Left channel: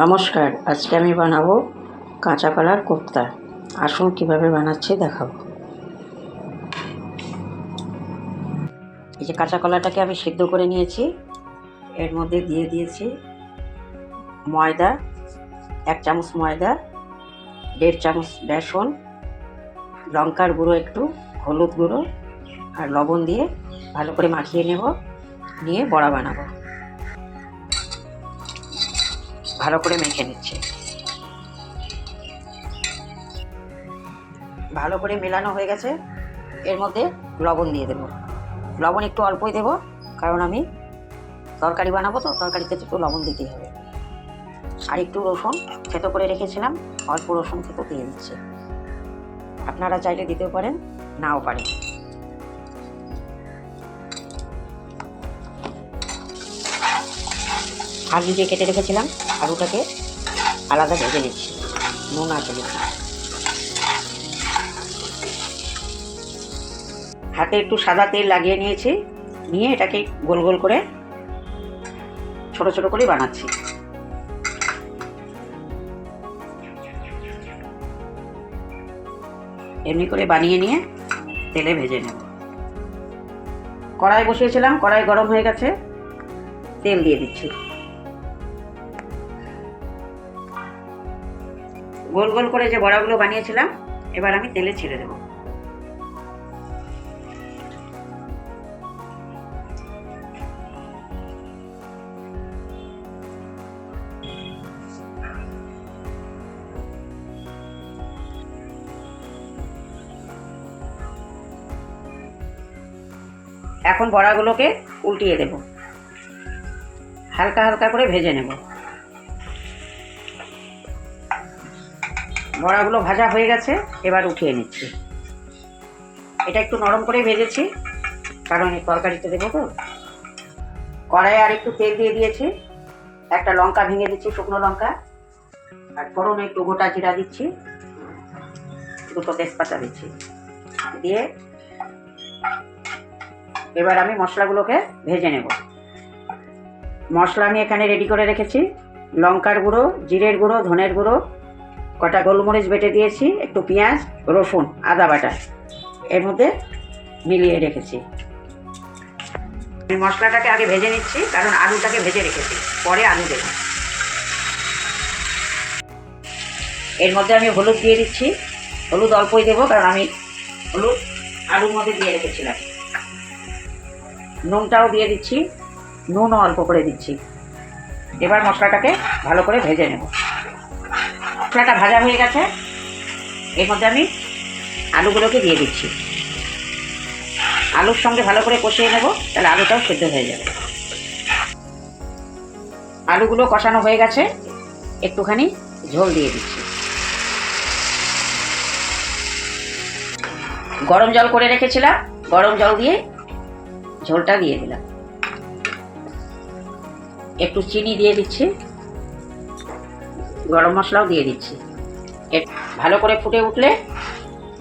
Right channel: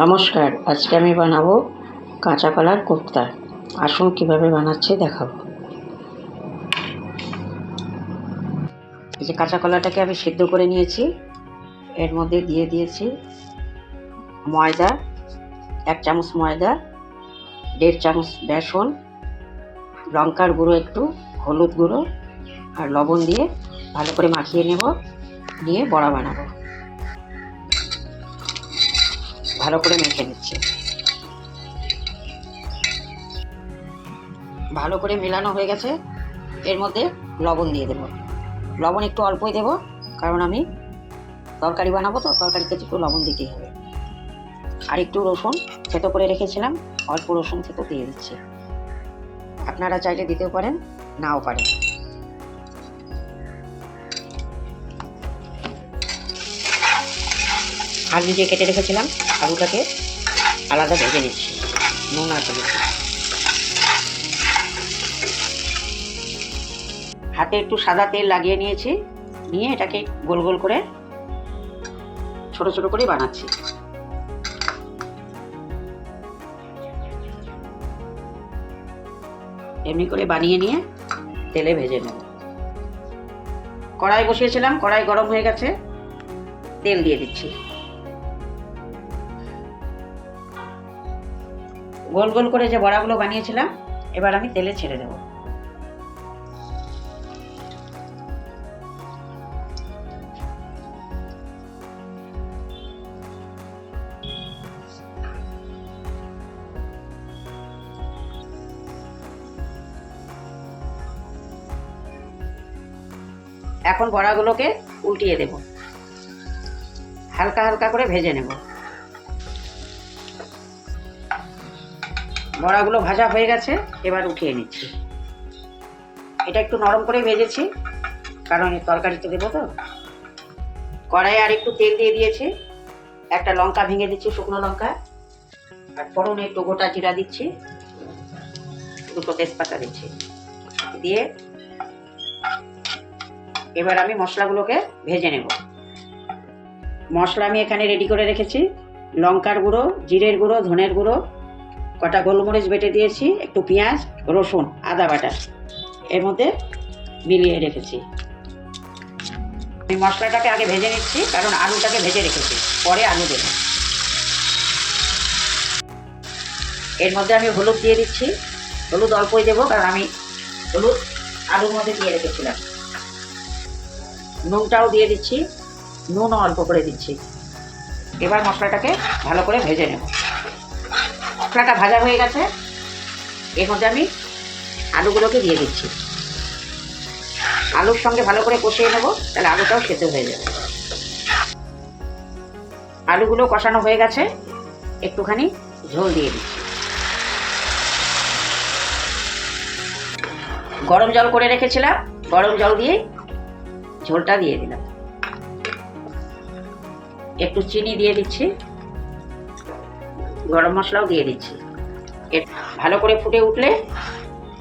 নমস্কার, আজকে আমি বানাবো কাঁচা কলার কোফতা। আসুন কিভাবে বানাচ্ছি দেখাবো। এই যে কাঁচা কলাটাকে আমি সিদ্ধ করে নিয়েছি, এর মধ্যে দিয়ে দিয়েছি ময়দা, 1 চামচ ময়দা, 1.5 চামচ বেসন, লঙ্কার গুঁড়ো একটু, হলুদ গুঁড়ো আর লবণ দিয়ে ভালো করে মাখিয়ে নেব। নিয়ে বড়া বানাবো। ভালো করে মেখে নিচ্ছে। ভালো করে মেলানো হয়ে গেছে। এর মধ্যে লবণ দিয়ে দেব। লবণ একটু অল্পই দেব, কারণ আমি তরকারি বানাবো তো, তরকারিতে একটু লবণ দিতেই হবে। আর একটু রসুন থেতো করে রেখেছিলাম, অল্প রসুন থেতো দিয়ে দিচ্ছি। আপনারা চাইলে দিতেও পারেন, নাও পারেন। আলু যে কেটে রেখেছিলাম, আলুটাকে আলাদা ভেজে নিচ্ছি, নুন আর হলুদ। হাতে একটু সাদা তেল লাগিয়ে নিয়েছি, নিয়ে এটাকে গোল গোল করে ছোট ছোট করে বানাচ্ছি। এমনি করে বানিয়ে নিয়ে তেলে ভেজে নেব। কড়াই বসিয়েছিলাম, কড়াই গরম হয়ে গেছে, তেল দিয়ে দিচ্ছি। গোল গোল করে যে বড়াগুলো বানিয়েছিলাম, এবার আমি তেলে ছেড়ে দেব। এখন বড়াগুলোকে উল্টিয়ে দেব, হালকা হালকা করে ভেজে নেব। বড়াগুলো ভাজা হয়ে গেছে, এবার উঠিয়ে নিচ্ছি। এটা একটু নরম করে ভেজেছি, কারণ এই তরকারিতে দেবো তো। কড়াইয়ে আর একটু তেল দিয়ে দিয়েছি, একটা লঙ্কা ভেঙে দিচ্ছি, শুকনো লঙ্কা, আর ফোড়নে একটু গোটা জিরা দিচ্ছি, দুটো তেজপাতা দিচ্ছি। দিয়ে এবার আমি মশলাগুলোকে ভেজে নেব। মশলা আমি এখানে রেডি করে রেখেছি। লঙ্কার গুঁড়ো, জিরের গুঁড়ো, ধনের গুঁড়ো, কটা গোলমরিচ বেটে দিয়েছি, একটু পেঁয়াজ, রসুন, আদা বাটা এর মধ্যে মিলিয়ে রেখেছি। আমি মশলাটাকে আগে ভেজে নিচ্ছি, কারণ আলুটাকে ভেজে রেখেছি, পরে আলু দেব। এর মধ্যে আমি হলুদ দিয়ে দিচ্ছি। হলুদ অল্পই দেবো, কারণ আমি হলুদ আলুর মধ্যে দিয়ে রেখেছিলাম। নুনটাও দিয়ে দিচ্ছি, নুনও অল্প করে দিচ্ছি। এবার মশলাটাকে ভালো করে ভেজে নেব। মশলাটা ভাজা হয়ে গেছে, এর মধ্যে আমি আলুগুলোকে দিয়ে দিচ্ছি। আলুর সঙ্গে ভালো করে কষিয়ে নেব, তাহলে আলুটাও সেদ্ধ হয়ে যাবে। আলুগুলো কষানো হয়ে গেছে, একটুখানি ঝোল দিয়ে দিচ্ছি। গরম জল করে রেখেছিলাম, গরম জল দিয়ে ঝোলটা দিয়ে দিলাম। একটু চিনি দিয়ে দিচ্ছি, গরম মশলাও দিয়ে দিচ্ছি। ভালো করে ফুটে উঠলে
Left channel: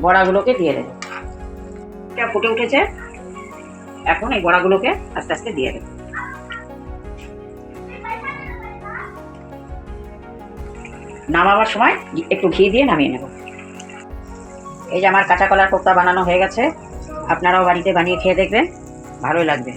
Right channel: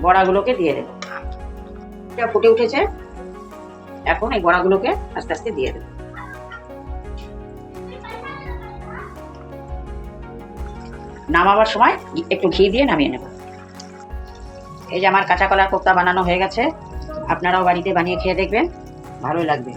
বড়াগুলোকে দিয়ে দেব। এটা ফুটে উঠেছে, এখন এই বড়াগুলোকে আস্তে আস্তে দিয়ে দেব। নামাবার সময় একটু ঘি দিয়ে নামিয়ে নেব। এই যে আমার কাঁচা কলার কোফতা বানানো হয়ে গেছে। আপনারাও বাড়িতে বানিয়ে খেয়ে দেখবেন, ভালোই লাগবে।